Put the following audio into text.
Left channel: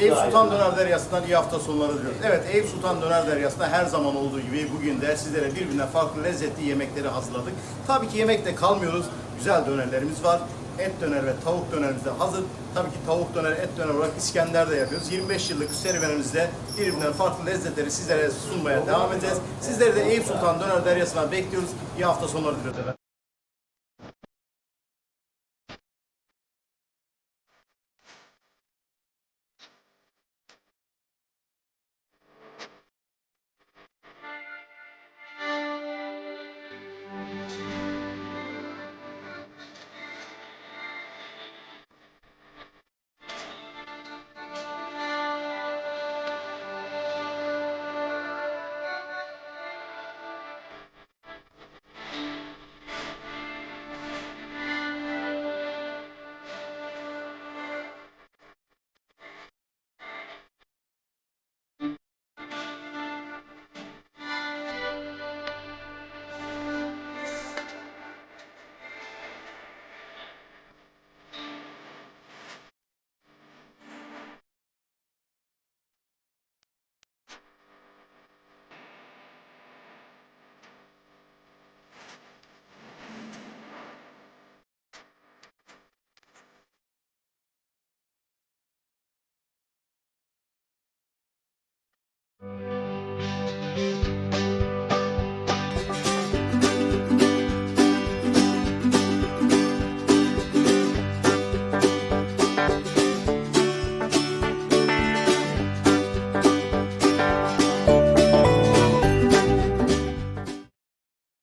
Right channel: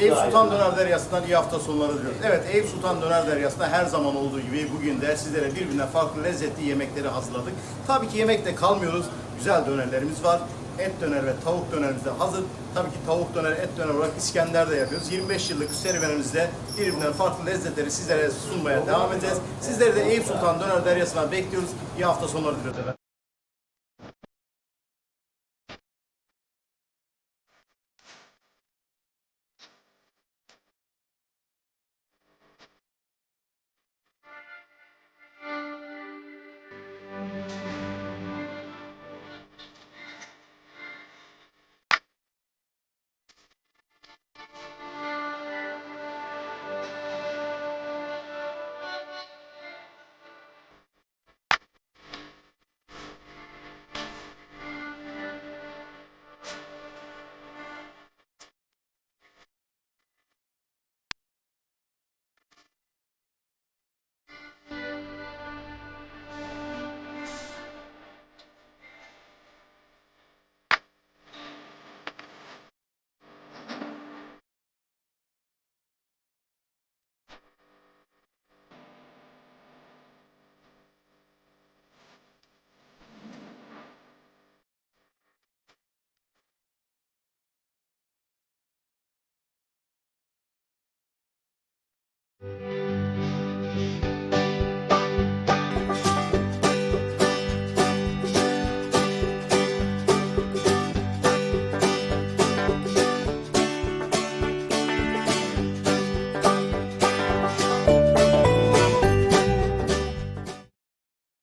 Eyüp Sultan Döner Deryası'ndan iyi hafta sonları diliyoruz. Evet, Eyüp Sultan Döner Deryası'nda her zaman olduğu gibi bugün de sizlere birbirinden farklı lezzetli yemekleri hazırladık. Tabii ki yemekte kalmıyoruz. Güzel dönerlerimiz var. Et döner ve tavuk dönerimiz de hazır. Tabii ki tavuk döner, et döner olarak İskender de yapıyoruz. 25 yıllık serüvenimizde birbirinden farklı lezzetleri sizlere sunmaya devam edeceğiz. Sizleri de Eyüp Sultan Döner Deryası'na bekliyoruz. İyi hafta sonları diliyoruz efendim.